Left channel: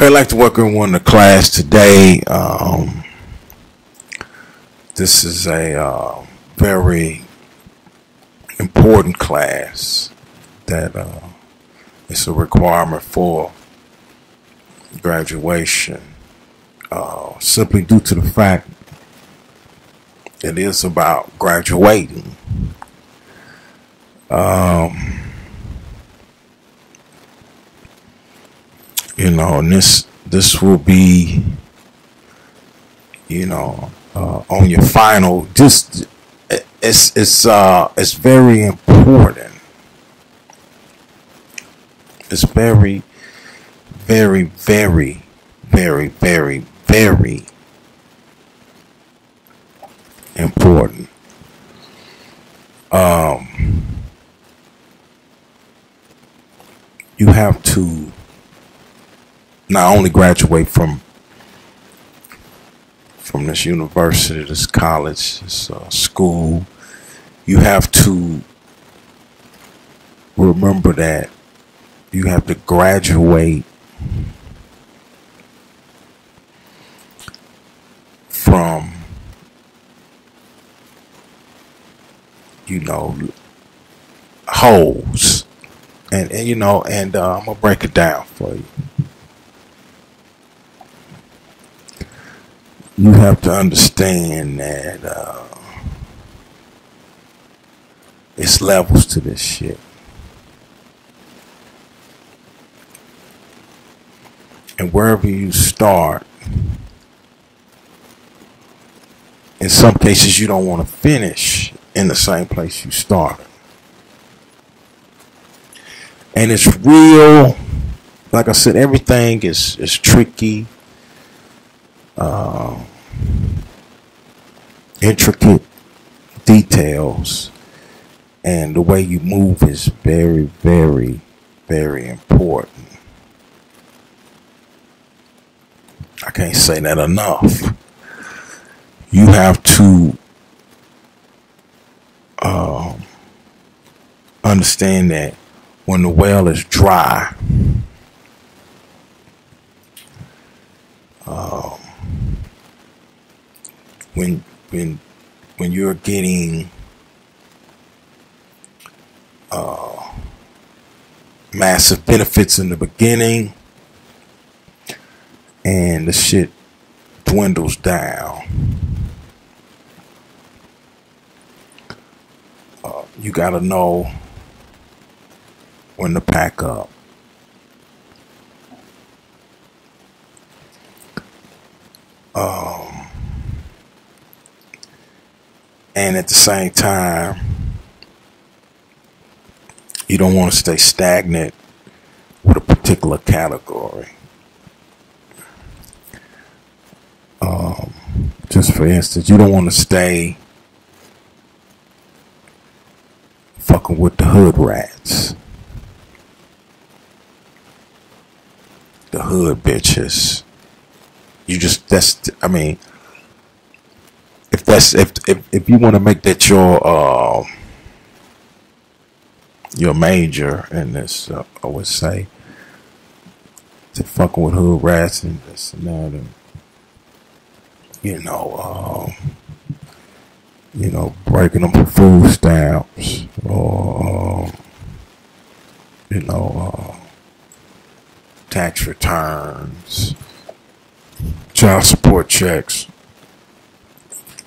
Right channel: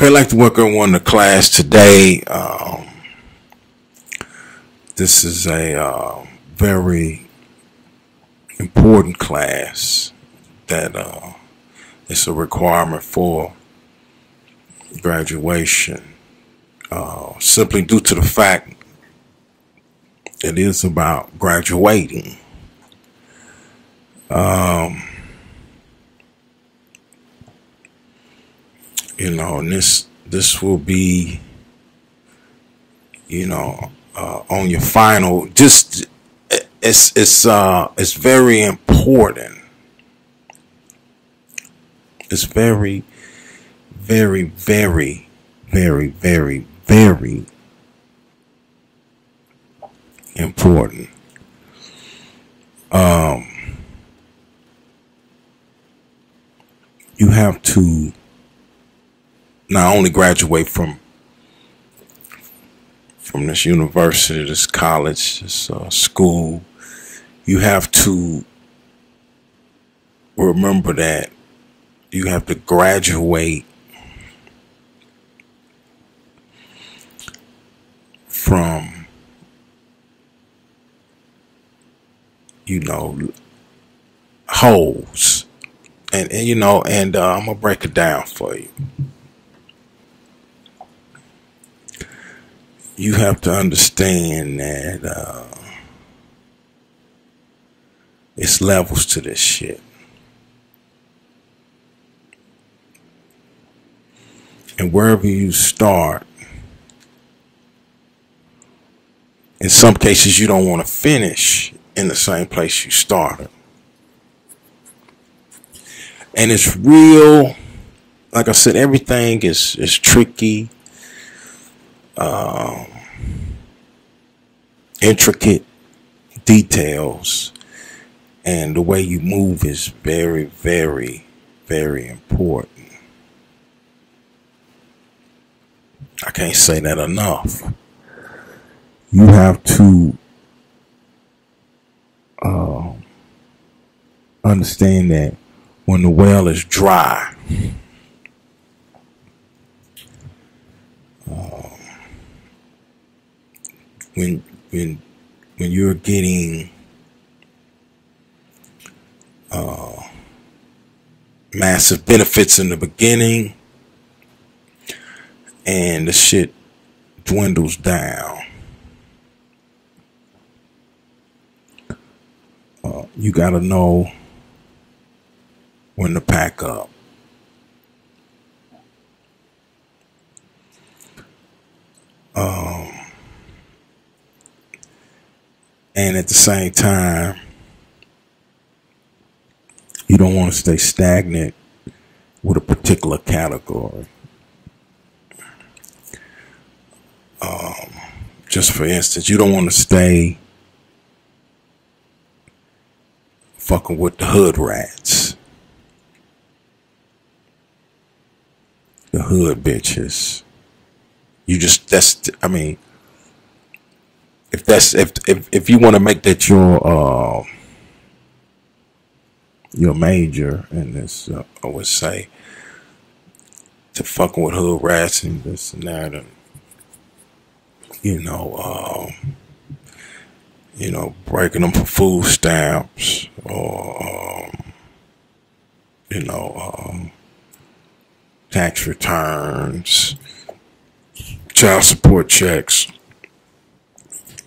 I'd like to welcome everyone to class today. This is a very important class that it's a requirement for graduation, simply due to the fact it is about graduating. And this will be, on your final. Just it's very important. It's very, very, very, very, very, very important. You have to not only graduate from this university, this college, this school. You have to remember that you have to graduate from, holes. And I'm gonna break it down for you. You have to understand that it's levels to this shit. And wherever you start, in some cases you don't want to finish in the same place you started. And it's real, like I said, everything is tricky. Intricate details, and the way you move is very, very, very important. I can't say that enough. You have to understand that when the well is dry, when you're getting massive benefits in the beginning and the shit dwindles down, you gotta know when to pack up. And at the same time, you don't want to stay stagnant with a particular category. Just for instance, you don't want to stay fucking with the hood rats, the hood bitches. If you want to make that your major in this, I would say, to fucking with hood rats and this and that, and breaking them for food stamps, or tax returns, child support checks,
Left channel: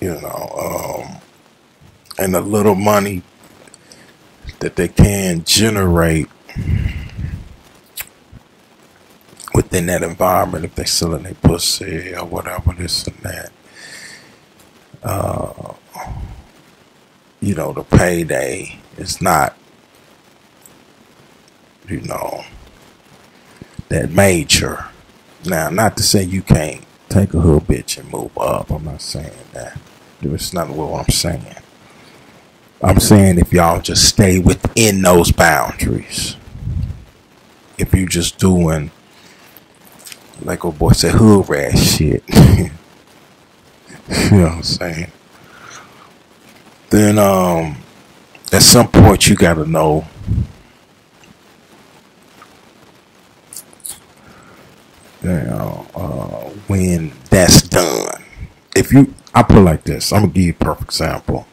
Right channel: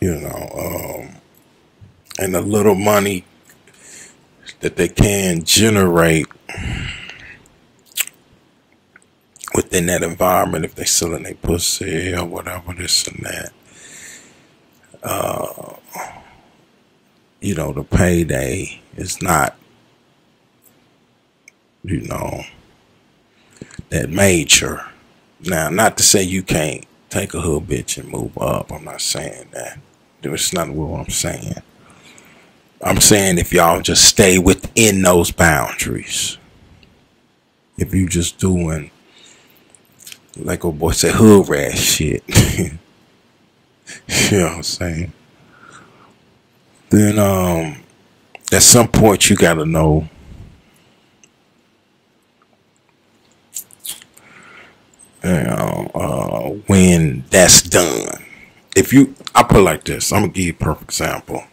and the little money that they can generate within that environment, if they selling their pussy or whatever, this and that. The payday is not, that major. Now, not to say you can't take a hood bitch and move up. I'm not saying that. It's not what I'm saying. I'm saying if y'all just stay within those boundaries. If you just doing, like old boy said, hood rat shit. You know what I'm saying? Then at some point you gotta know when that's done. I put it like this. I'm gonna give you a perfect example.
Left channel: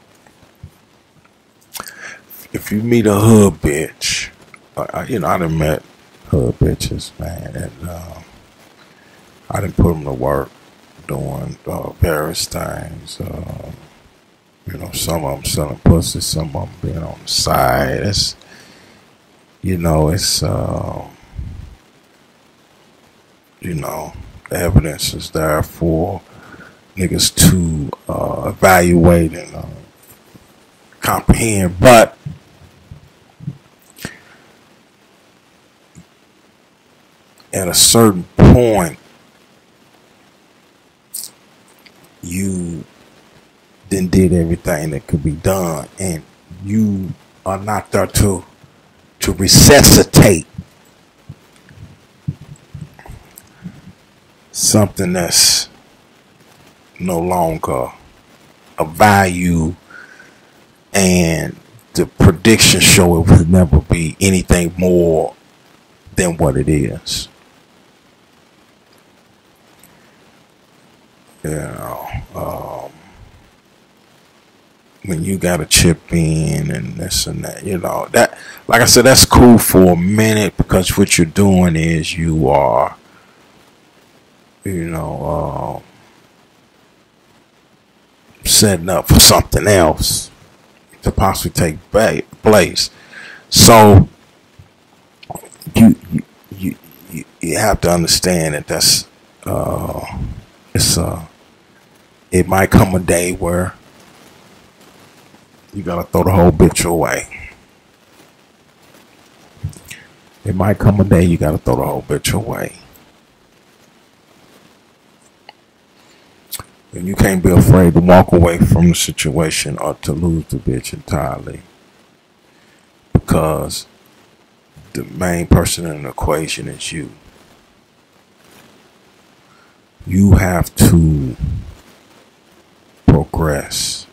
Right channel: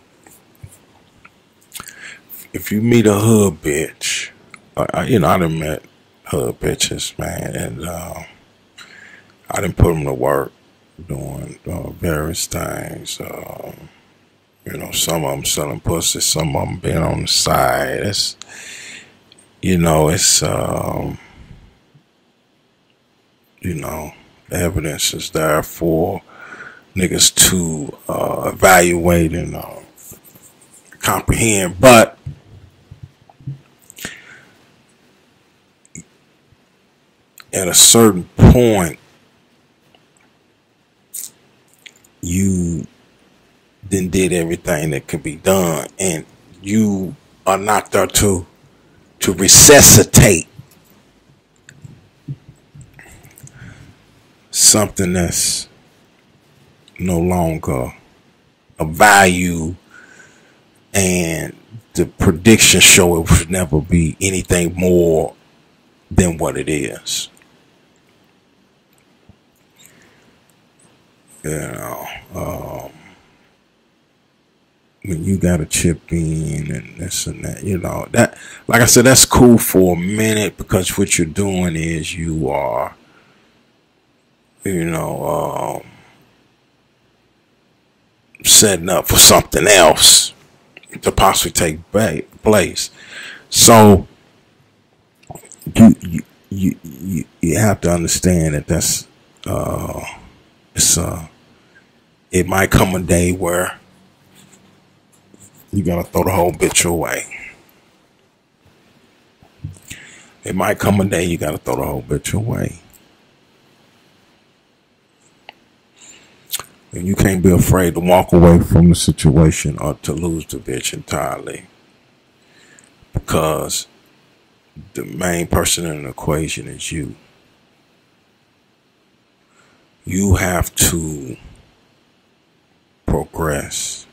If you meet a hood bitch, I done met hood bitches, man, and I done put them to work doing various things. Some of them selling pussy, some of them being on the side. The evidence is there for niggas to evaluate and comprehend. But at a certain point, you then did everything that could be done, and you are not there to resuscitate something that's no longer a value, and the prediction show it would never be anything more than what it is. When you gotta chip in and this and that, that, like I said, that's cool for a minute, because what you're doing is you are, setting up for something else to possibly take place. So you have to understand that it might come a day where you gotta throw the whole bitch away. It might come a day you gotta throw the whole bitch away. And you can't be afraid to walk away from the situation or to lose the bitch entirely, because the main person in the equation is you. You have to progress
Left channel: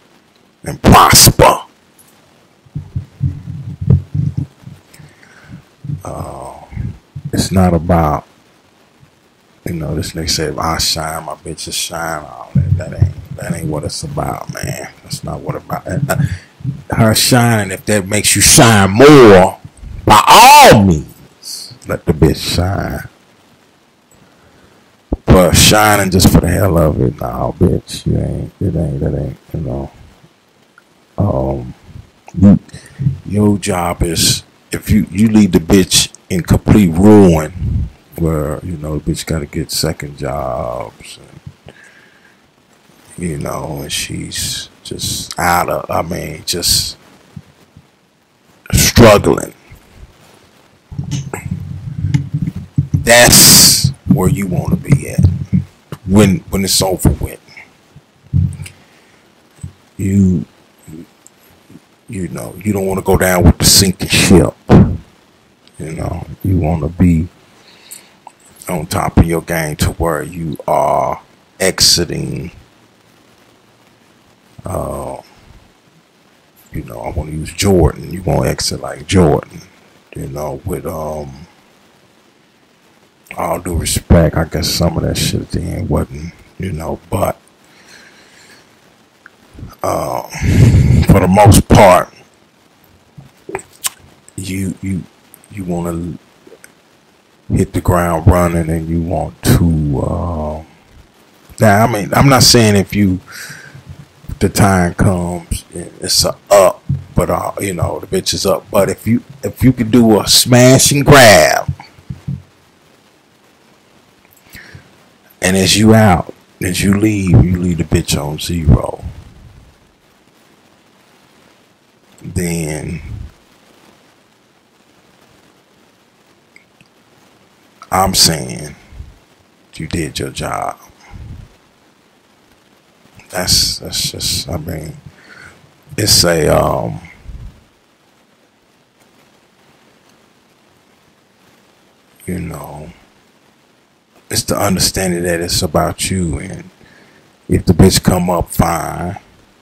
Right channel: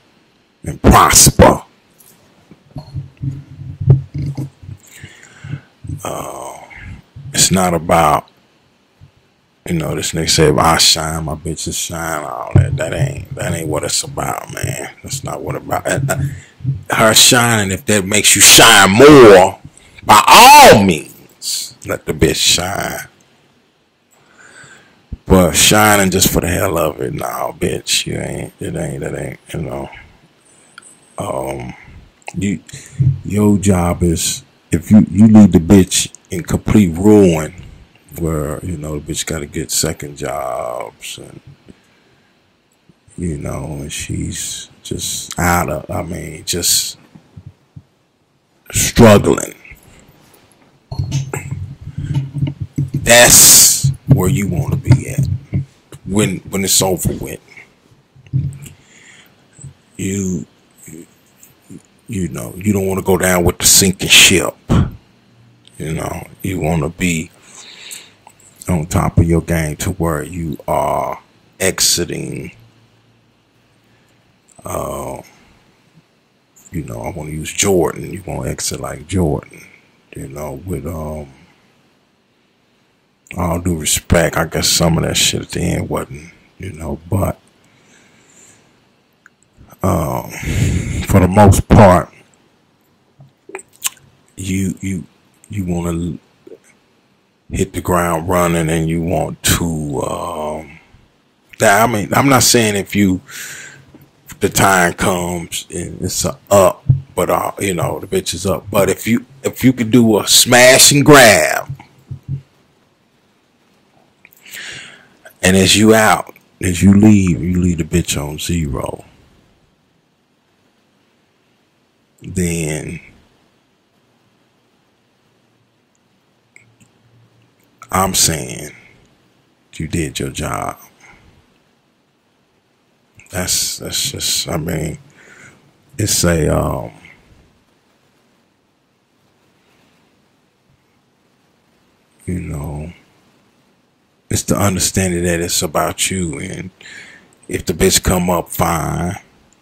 and prosper. It's not about, this nigga say, if I shine, my bitches shine, all that. That ain't what it's about, man. That's not what it's about. Her shining, if that makes you shine more, by all means, let the bitch shine. But shining just for the hell of it, nah, bitch, your job is, if you leave the bitch in complete ruin, where, the bitch gotta get second jobs, and, and she's just just struggling. That's where you want to be at when it's over with. You don't want to go down with the sinking ship. You want to be on top of your game to where you are exiting. I want to use Jordan. You want to exit like Jordan. With all due respect, I guess some of that shit at the end wasn't, but for the most part, you want to hit the ground running, and you want to I'm not saying if the time comes and it's a up, but the bitch is up, but if you could do a smash and grab, and as you leave the bitch on zero, then I'm saying you did your job. That's just, it's a it's the understanding that it's about you, and if the bitch come up, fine,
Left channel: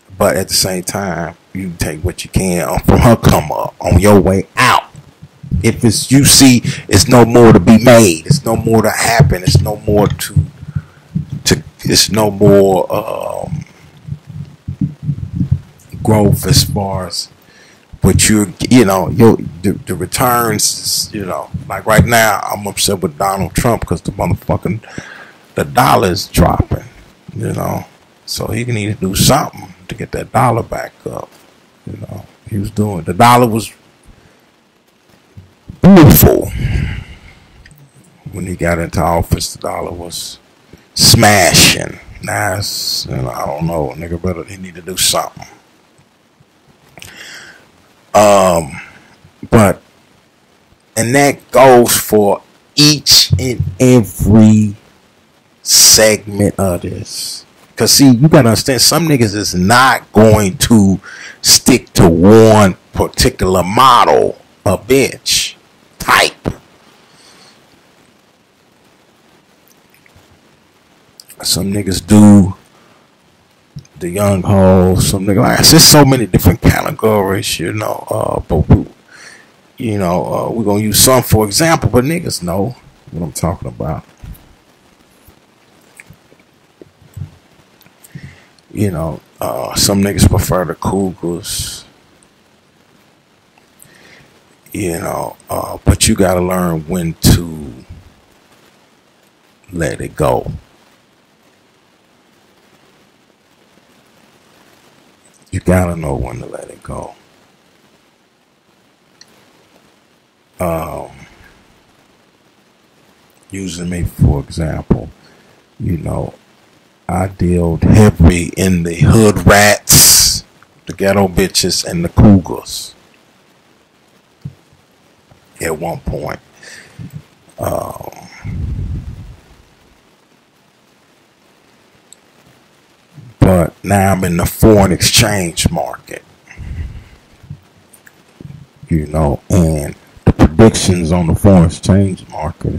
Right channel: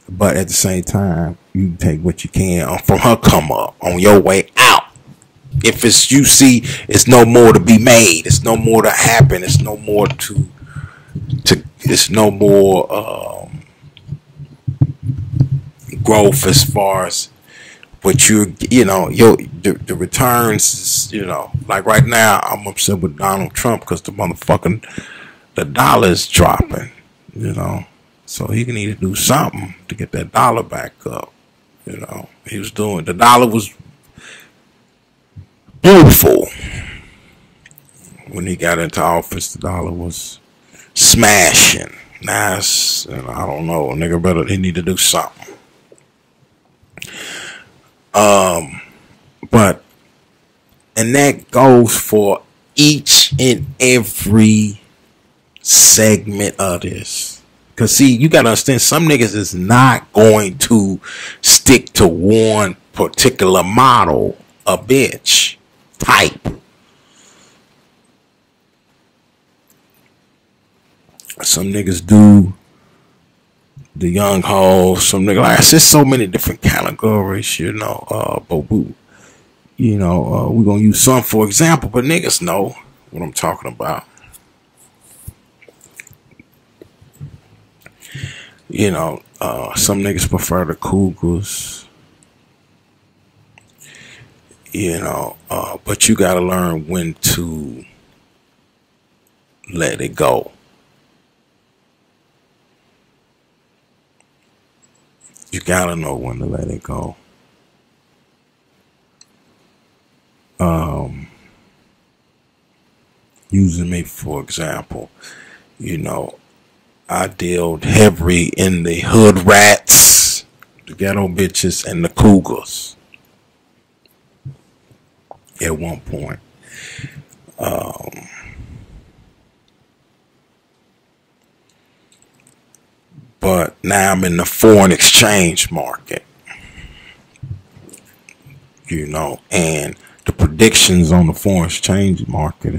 but at the same time, you take what you can from her come up on your way out. If it's you see, it's no more to be made. It's no more to happen. It's no more to. It's no more growth as far as what the returns is, like right now I'm upset with Donald Trump because the dollar is dropping, so he can need to do something to get that dollar back up. The dollar was beautiful when he got into office. The dollar was smashing. Now it's, I don't know, nigga, he need to do something. And that goes for each and every segment of this. Cause see, you gotta understand, some niggas is not going to stick to one particular model of bitch type. Some niggas do the young hoes. Some niggas, like I said, so many different categories, but we're gonna use some for example, but niggas know what I'm talking about. Some niggas prefer the Cougars. But you gotta learn when to let it go. You gotta know when to let it go. Using me for example, I dealt heavy in the hood rats, the ghetto bitches, and the Cougars at one point. But now I'm in the foreign exchange market, and the predictions on the foreign exchange market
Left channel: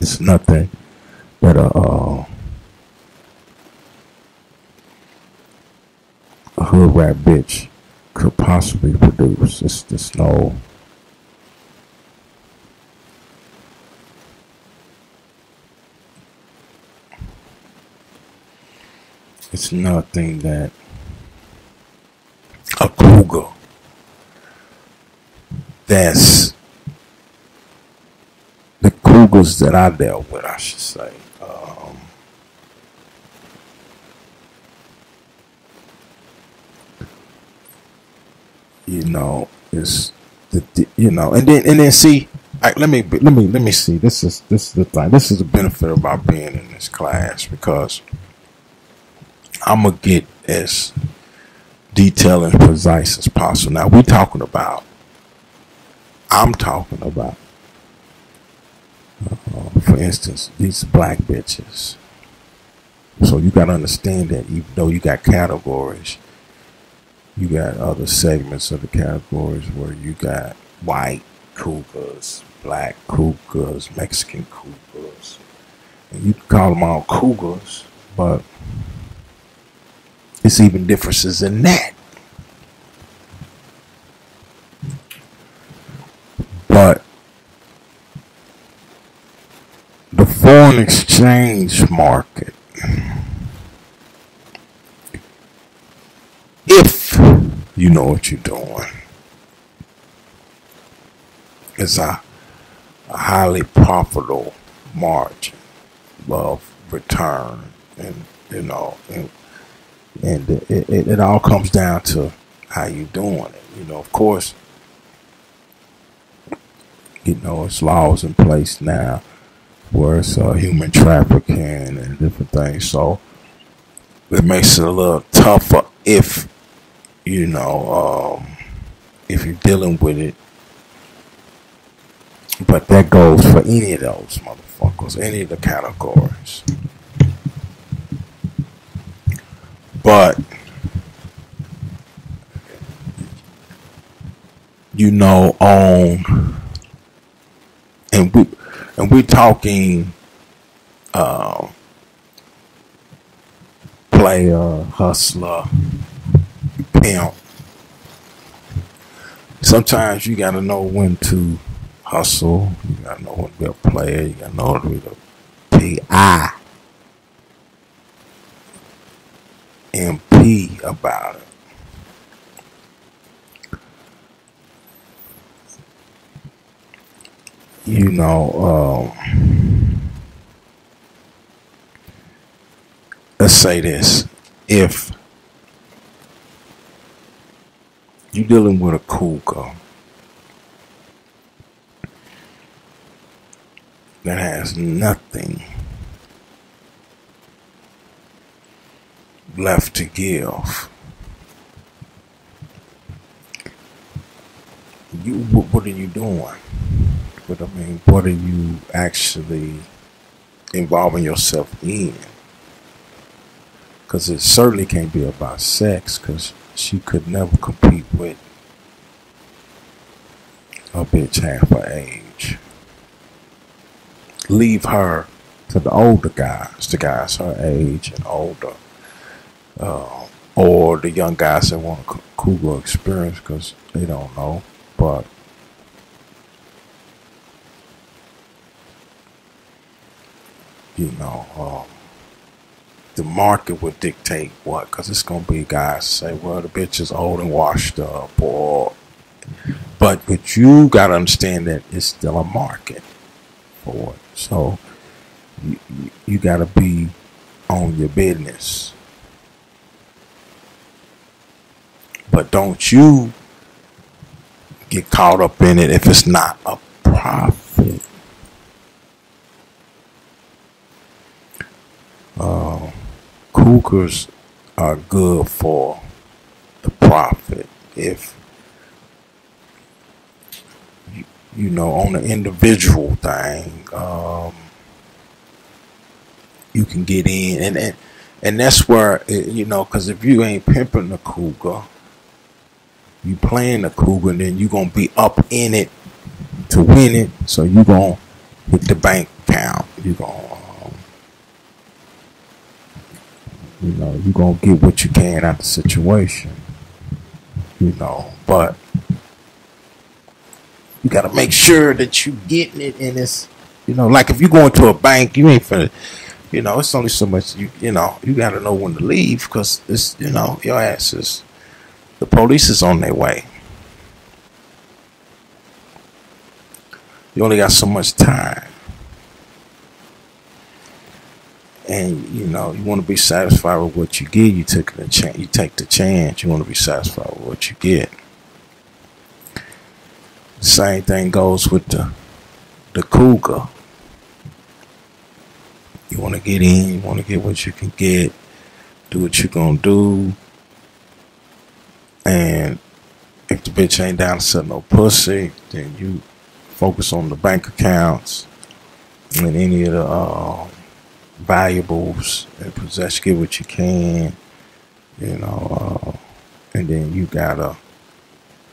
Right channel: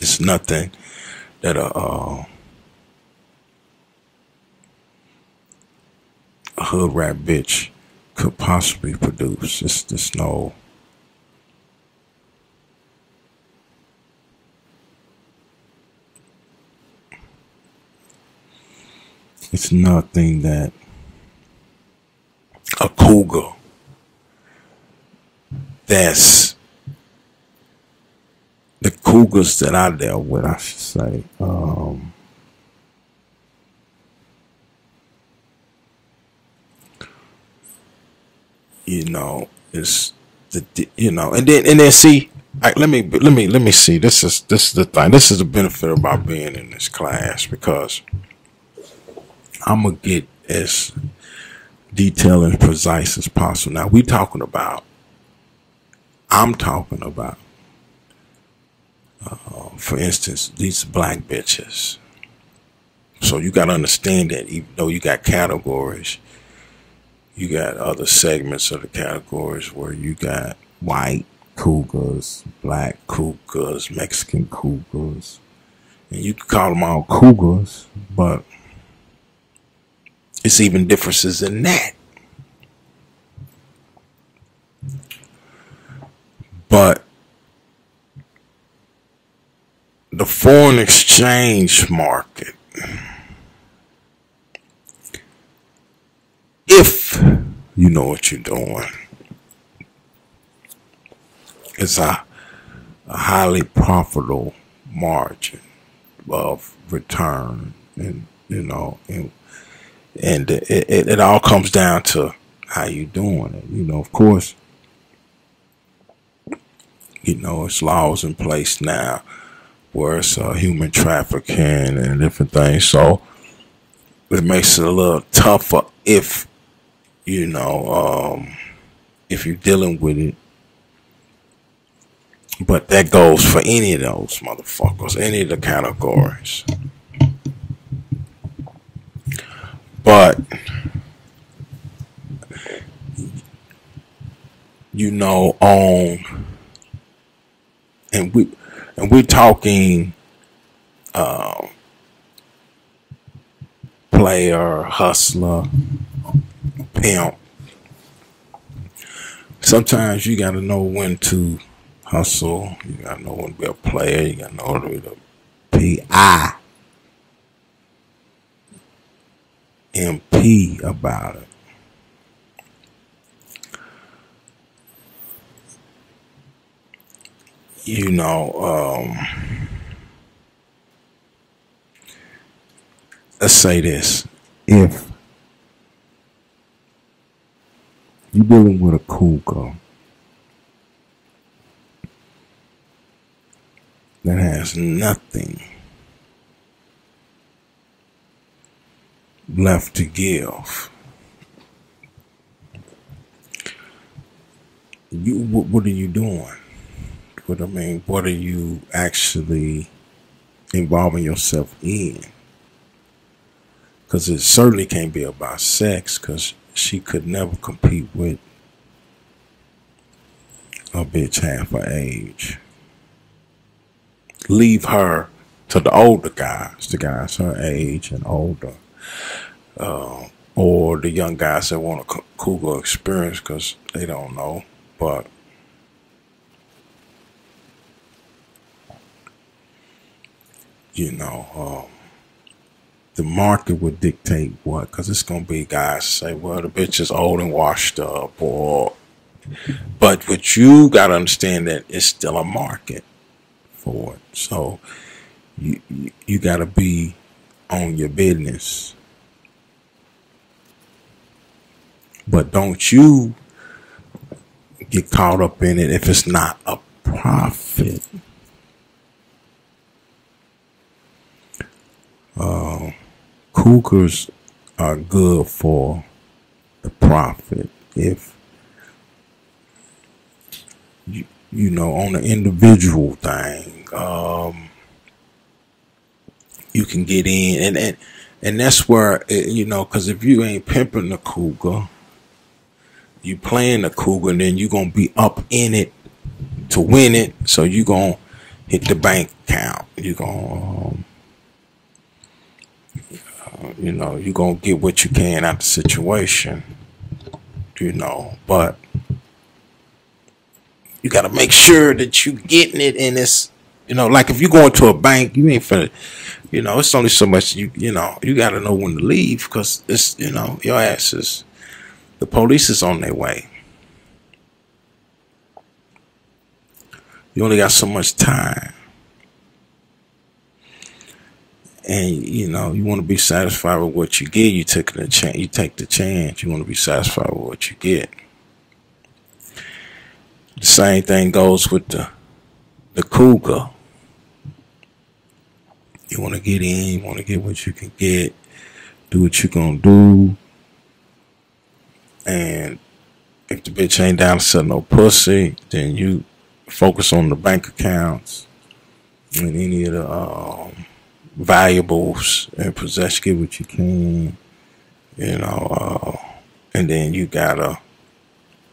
it's nothing that a hood rat bitch could possibly produce. It's no. It's nothing that a cougar that's the cougars that I dealt with, I should say. Is and then see. Let me see. This is the thing. This is the benefit about being in this class, because I'm gonna get as detailed and precise as possible. Now I'm talking about, for instance, these black bitches. So you gotta understand that even though you got categories, you got other segments of the categories where you got white cougars, black cougars, Mexican cougars, and you can call them all cougars, but it's even differences in that. But the foreign exchange market, if you know what you're doing, it's a highly profitable margin of return, and and it all comes down to how you doing it. Of course, it's laws in place now where it's human trafficking and different things. So it makes it a little tougher if if you're dealing with it. But that goes for any of those motherfuckers, any of the categories. But and we're talking player, hustler, pimp. sometimes you gotta know when to hustle. You gotta know when to be a player. You gotta know when to be the P-I-M-P about it. You know, let's say this. If you're dealing with a cougar that has nothing left to give, what are you doing? What are you actually involving yourself in? Because it certainly can't be about sex, because she could never compete with a bitch half her age. Leave her to the older guys, the guys her age and older, or the young guys that want a cougar experience because they don't know. But you know, the market would dictate what, because it's gonna be guys say, well, the bitch is old and washed up, or, but what you gotta understand that it's still a market for it. So you gotta be on your business, but don't you get caught up in it if it's not a profit. Cougars are good for the profit if you know, on an individual thing, you can get in, and that's where you know, because if you ain't pimping the cougar, you playing the cougar, and then you gonna be up in it to win it, so you gonna hit the bank account. You gonna you know, you gonna get what you can out of the situation, you know, but you gotta make sure that you getting it, and it's, you know, like if you go into a bank, you ain't finna, you know, it's only so much you know, you gotta know when to leave, because it's, you know, your ass is, the police is on their way. You only got so much time. And you know, you want to be satisfied with what you get. You take the chance. You take the chance. You want to be satisfied with what you get. The same thing goes with the cougar. You want to get in. You want to get what you can get. Do what you gonna do. And if the bitch ain't down to sell no pussy, then you focus on the bank accounts and any of the valuables and possession, get what you can, you know, and then you gotta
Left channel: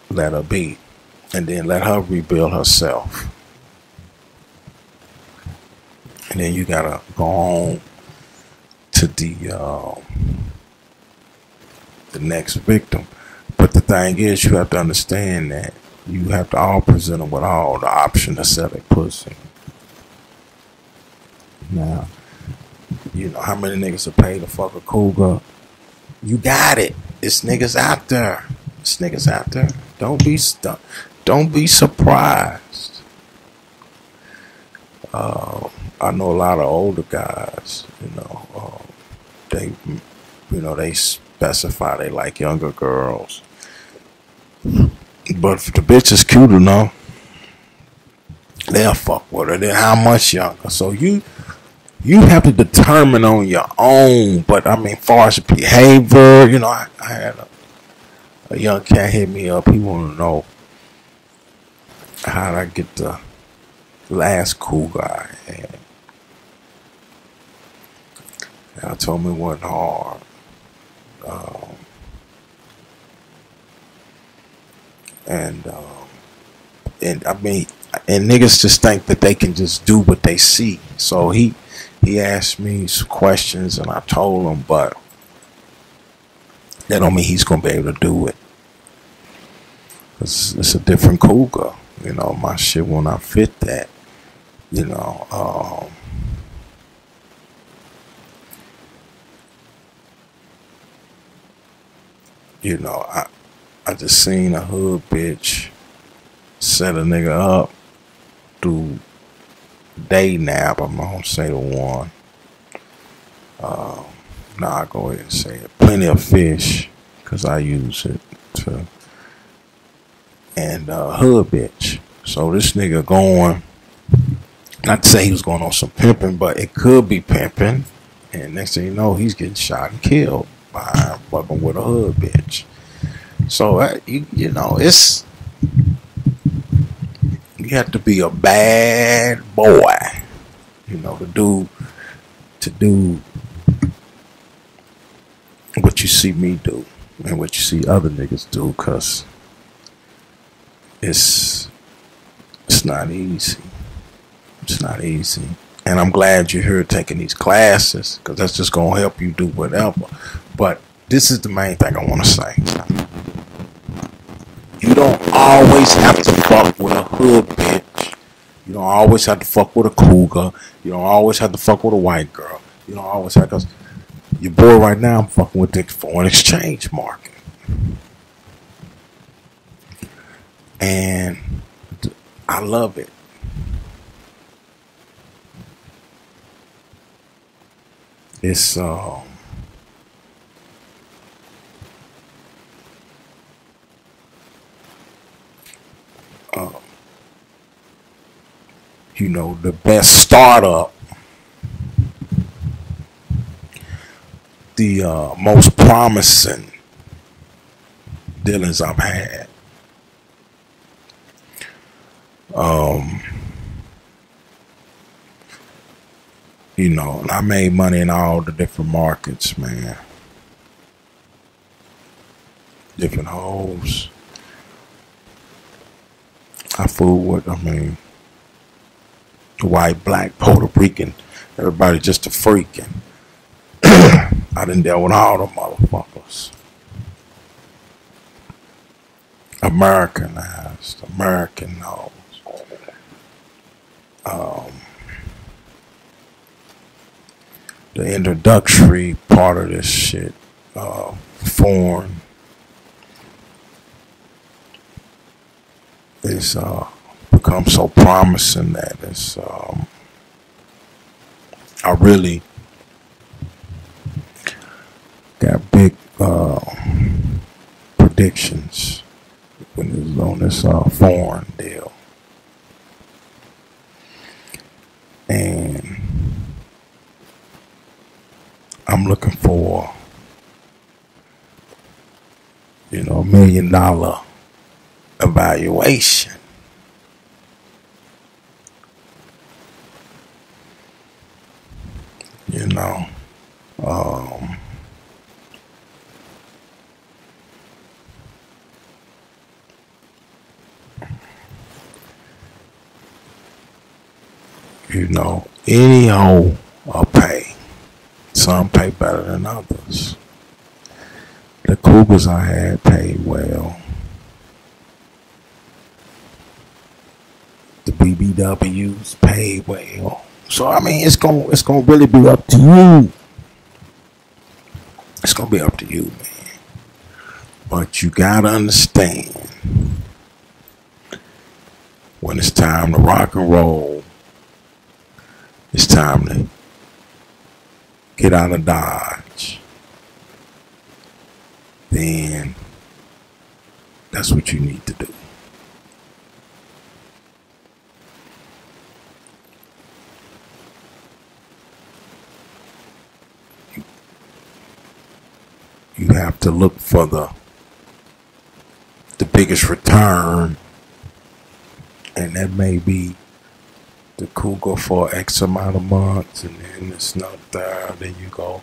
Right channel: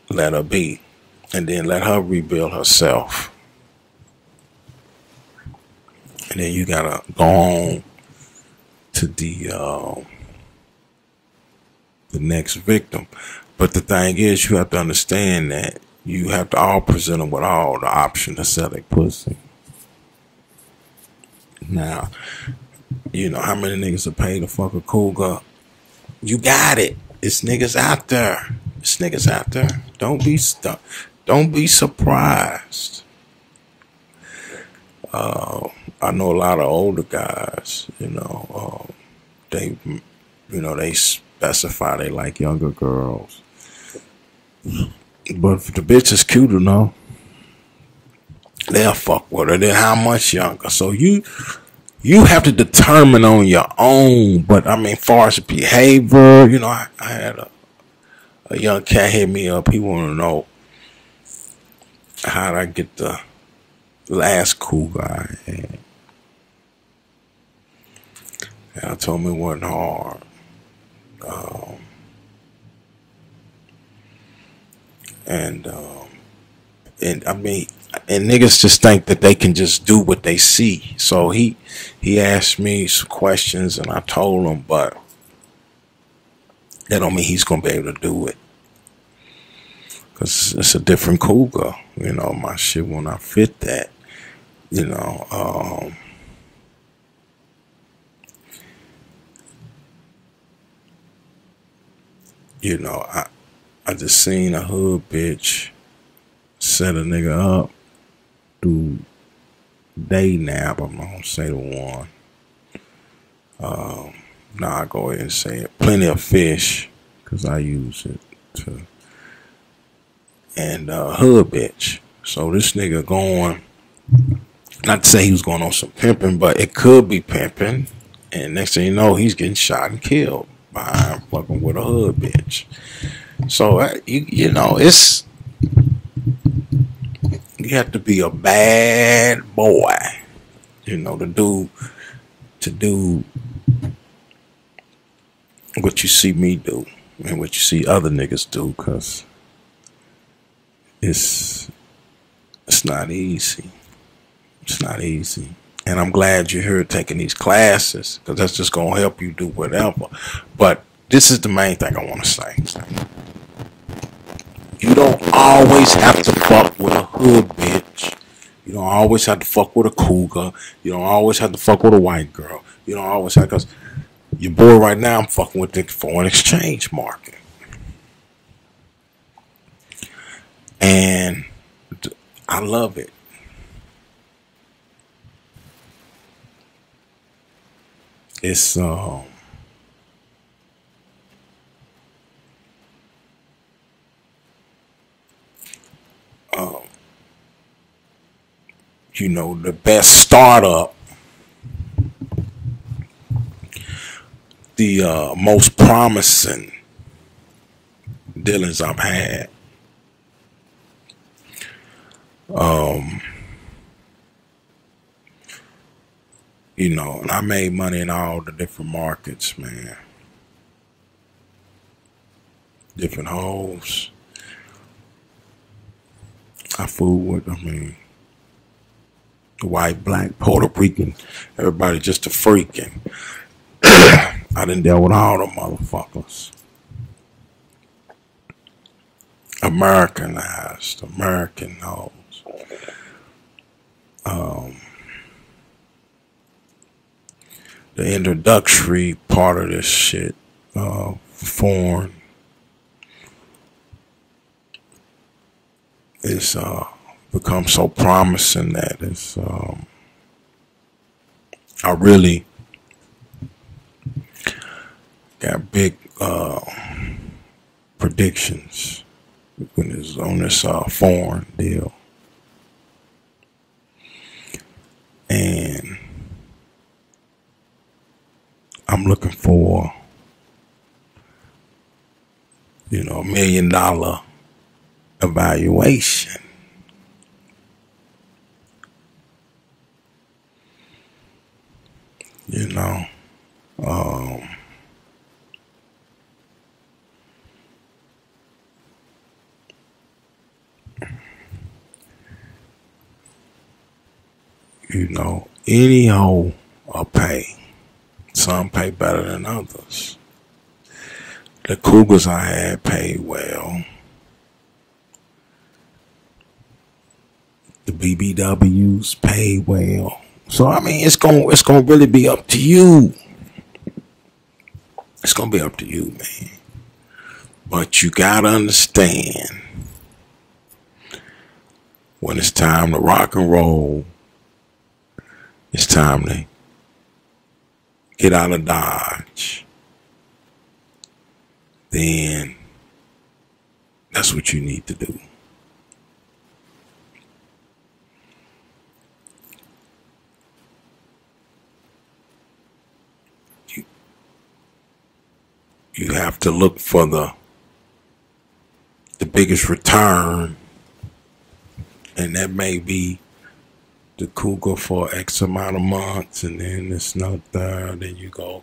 let her be, and then let her rebuild herself, and then you gotta go on to the next victim. But the thing is, you have to understand that you have to all present them with all the option to sell their pussy. Now, you know how many niggas are paid to fuck a cougar? You got it. It's niggas out there. It's niggas out there. Don't be stuck. Don't be surprised. I know a lot of older guys. You know, they specify they like younger girls. But if the bitch is cute enough, they'll fuck with her. Then how much younger? So you have to determine on your own. But I mean, far as behavior, you know, I had a young cat hit me up. He wanted to know how did I get the last cougar I had. And I told him it wasn't hard. And I mean, and niggas just think that they can just do what they see. So he asked me some questions and I told him, but that don't mean he's gonna be able to do it. Cause it's a different Cougar. You know, my shit will not fit that. You know, you know, I just seen a hood bitch set a nigga up through day nap. I'm not gonna say the one. Nah, I go ahead and say it. Plenty of fish, cause I use it to. And hood bitch. So this nigga going, not to say he was going on some pimping, but it could be pimping. And next thing you know, he's getting shot and killed by fucking with a hood bitch. So you know, it's, you have to be a bad boy, you know, to do what you see me do and what you see other niggas do, cause it's not easy. It's not easy. And I'm glad you're here taking these classes, because that's just going to help you do whatever. But this is the main thing I want to say. You don't always have to fuck with a hood bitch. You don't always have to fuck with a cougar. You don't always have to fuck with a white girl. You don't always have to, because your boy right now, I'm fucking with the foreign exchange market. And I love it. It's you know, the best startup, the most promising dealings I've had. You know, and I made money in all the different markets, man. Different hoes. I fool with, I mean, white, black, Puerto Rican, everybody just a freaking. I done dealt with all the motherfuckers. Americanized, American hoes. The introductory part of this shit, foreign, is become so promising that it's I really got big predictions when it's on this foreign deal. And I'm looking for, you know, $1 million evaluation. You know, you know, any hoe will pay. Some pay better than others. The Cougars I had paid well. The BBWs paid well. So I mean, it's gonna really be up to you. It's gonna be up to you, man. But you gotta understand, when it's time to rock and roll, it's time to get out of Dodge. Then that's what you need to do. You have to look for the biggest return, and that may be the Cougar for X amount of months, and then it's not there. Then you go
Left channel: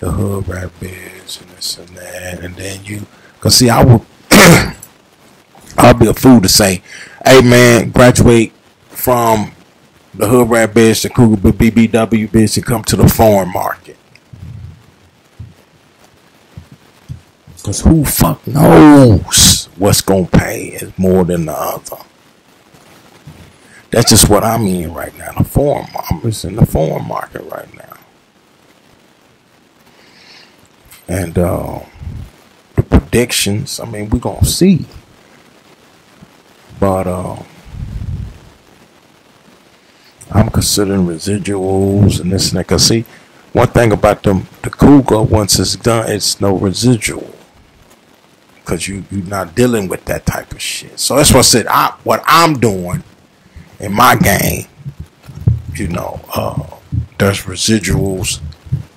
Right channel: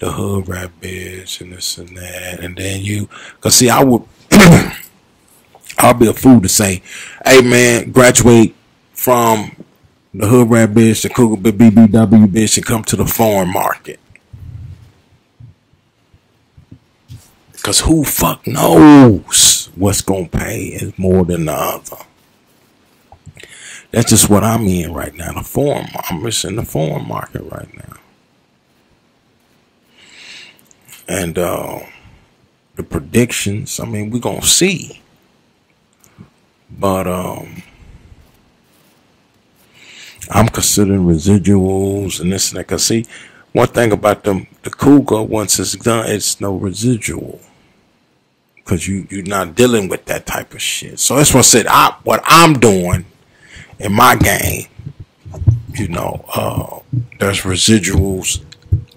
the hood rat bitch and this and that, and then you, cause see, I would, I'll be a fool to say, hey man, graduate from the hood rat bitch, the Cougar BBW bitch, and come to the foreign market. Cause who fuck knows what's gonna pay is more than the other. That's just what I'm in right now. I'm just in the foreign market right now. And the predictions, I mean, we're gonna see. But I'm considering residuals and this and that. Cause see, one thing about the Cougar, once it's done, it's no residual. Cause you're not dealing with that type of shit. So that's what I said. What I'm doing in my game, you know, there's residuals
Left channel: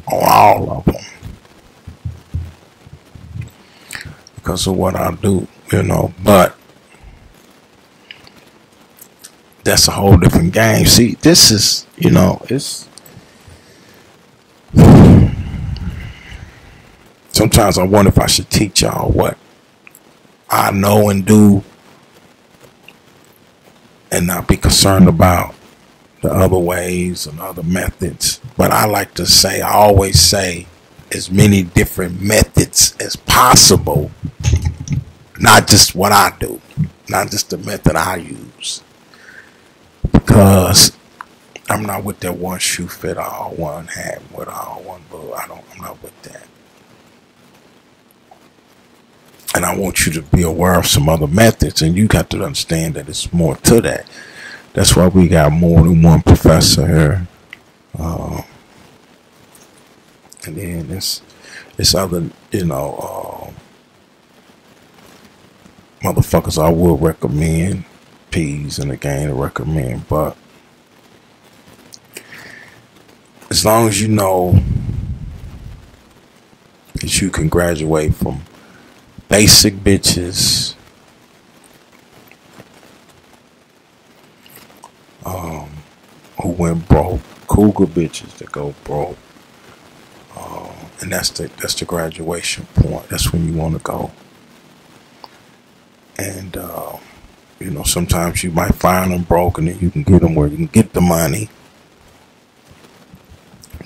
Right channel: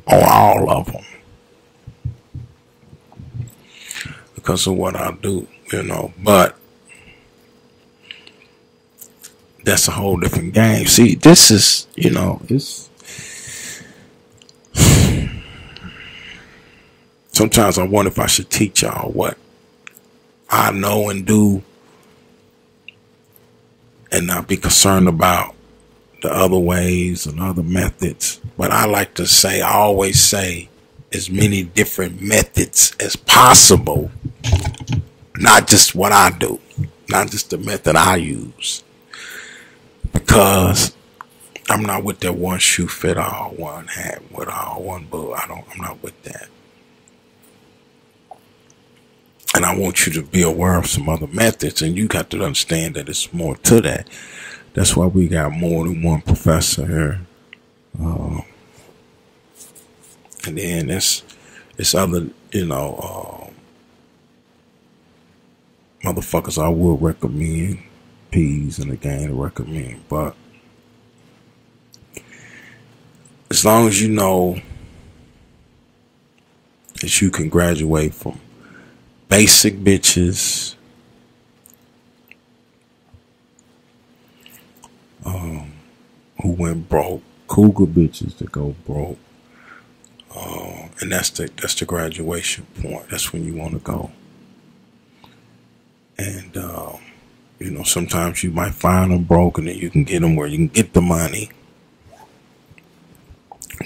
on all of them because of what I do, you know. But that's a whole different game. See, this is, you know, it's sometimes I wonder if I should teach y'all what I know and do and not be concerned about the other ways and other methods. But I like to say, I always say, as many different methods as possible, not just what I do, not just the method I use. Because I'm not with that one shoe fit all, one hat with all, one boot. I'm not with that. And I want you to be aware of some other methods, and you got to understand that it's more to that. That's why we got more than one professor here. And then it's other, you know, motherfuckers I will recommend, P's in the game to recommend, but as long as you know that you can graduate from basic bitches, who went broke, cougar bitches that go broke, and that's the graduation point. That's when you want to go. And you know, sometimes you might find them broke, and then you can get them where you can get the money.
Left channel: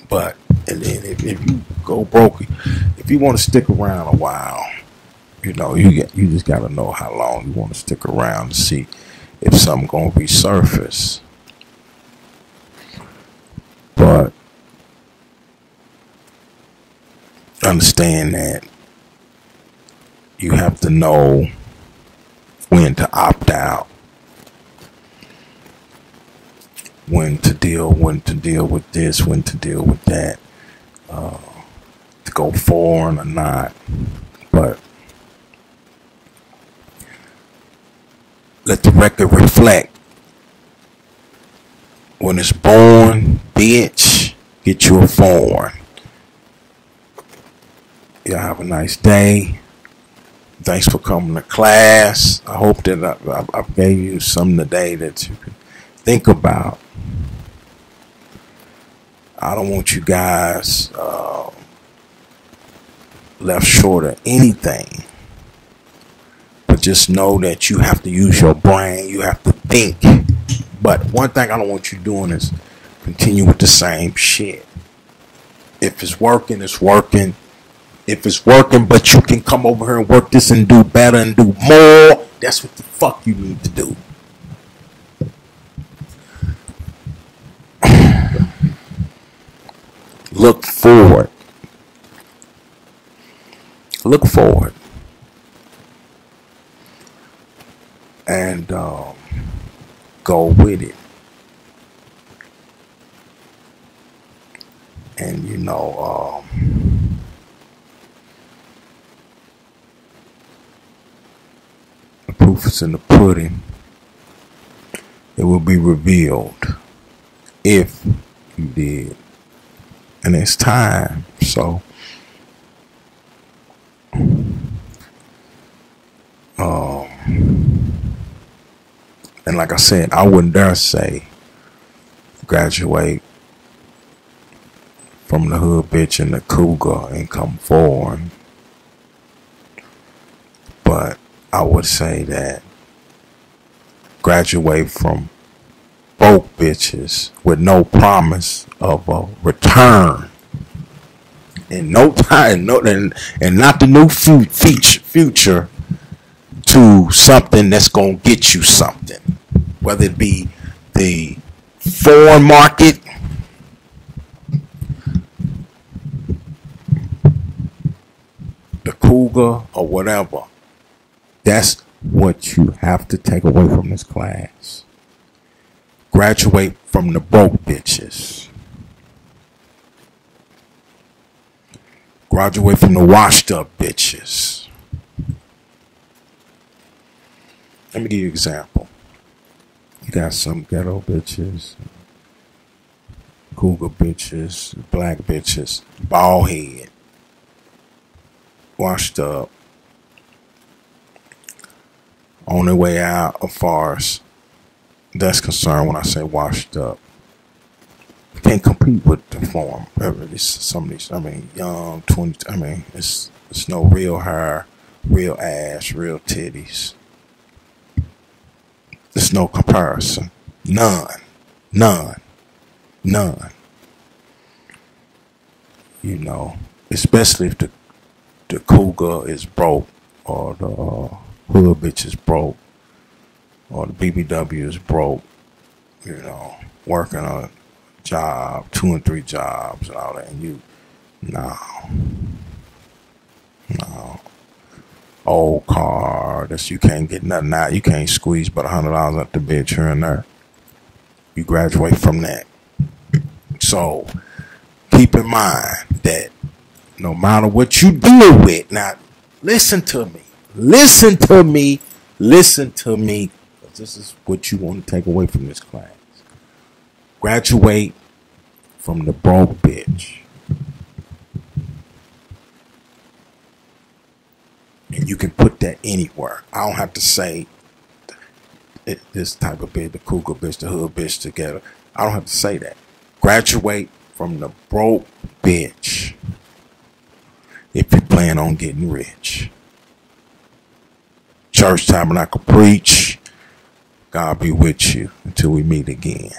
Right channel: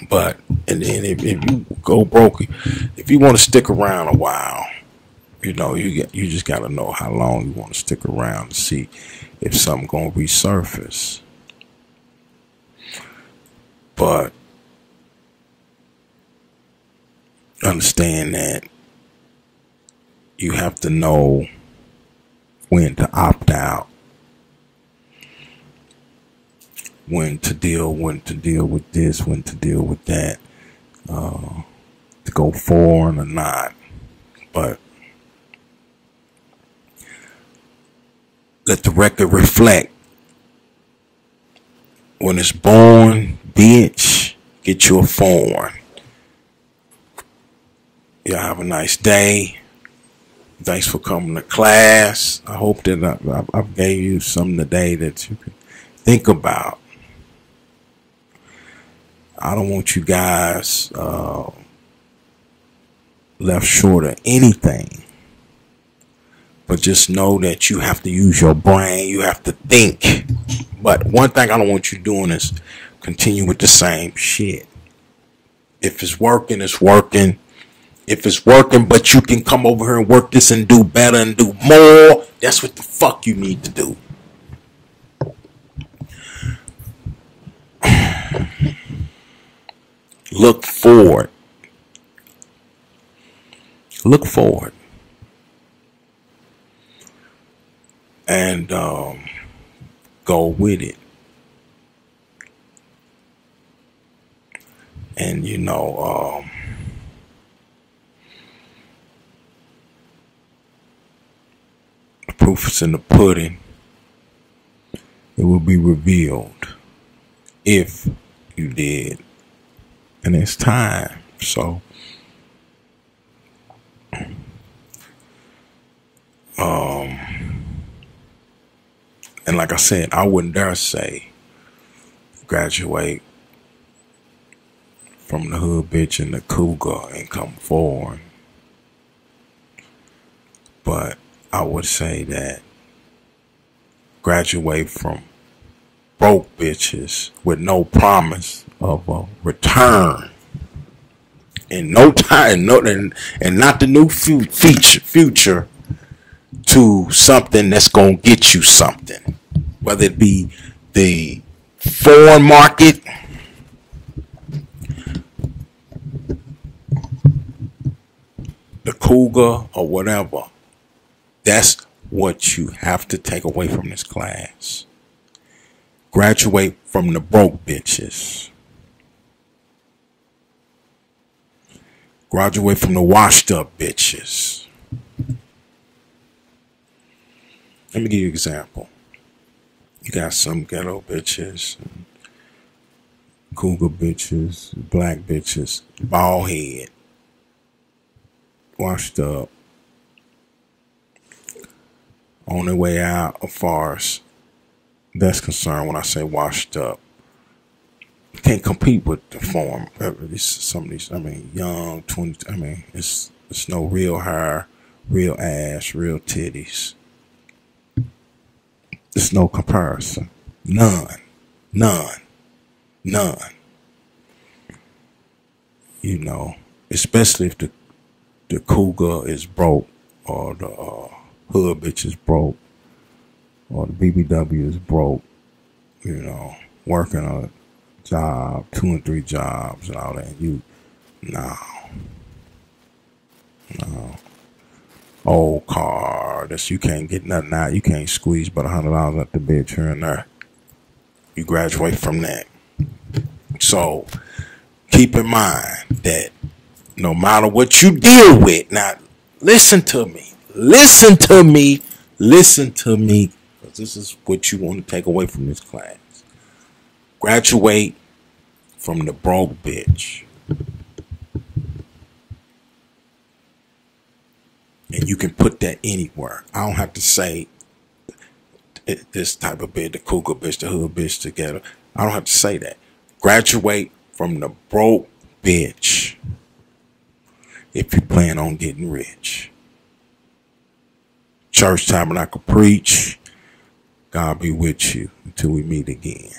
But and then if you go broke, if you want to stick around a while, you know, you just got to know how long you want to stick around to see if something gonna resurface. But understand that you have to know when to opt out, when to deal with this, when to deal with that, to go foreign or not. But let the record reflect. When it's born, bitch, get you a foreign. Y'all have a nice day. Thanks for coming to class. I hope that I gave you something today that you can think about. I don't want you guys left short of anything. But just know that you have to use your brain. You have to think. But one thing I don't want you doing is continue with the same shit. If it's working, it's working. If it's working, but you can come over here and work this and do better and do more, that's what the fuck you need to do. Look forward. Look forward. And go with it. And you know, the proof is in the pudding. It will be revealed if you did. And it's time. So and like I said, I wouldn't dare say graduate from the hood bitch and the cougar and come foreign. But I would say that graduate from broke bitches with no promise of a return in no time, and not the new future to something that's gonna get you something, whether it be the foreign market, the Cougar, or whatever. That's what you have to take away from this class. Graduate from the broke bitches. Graduate from the washed up bitches. Let me give you an example. You got some ghetto bitches, Cougar bitches, black bitches, bald head, washed up, on their way out as far as that's concerned. When I say washed up, you can't compete with the form. Some of these, I mean, young 20. I mean, it's no real hair, real ass, real titties. There's no comparison. None. You know, especially if the Cougar is broke, or the hood bitch is broke, or the BBW is broke, you know, working a job, 2 and 3 jobs and all that. And you, no. Old car, that's, you can't get nothing out. You can't squeeze but $100 out the bitch here and there. You graduate from that. So keep in mind that no matter what you deal with, now listen to me. Because this is what you want to take away from this class. Graduate from the broke bitch. And you can put that anywhere. I don't have to say this type of bitch, the Cougar bitch, the hood bitch together. I don't have to say that. Graduate from the broke bitch if you plan on getting rich. Church Tabernacle Preach. God be with you until we meet again.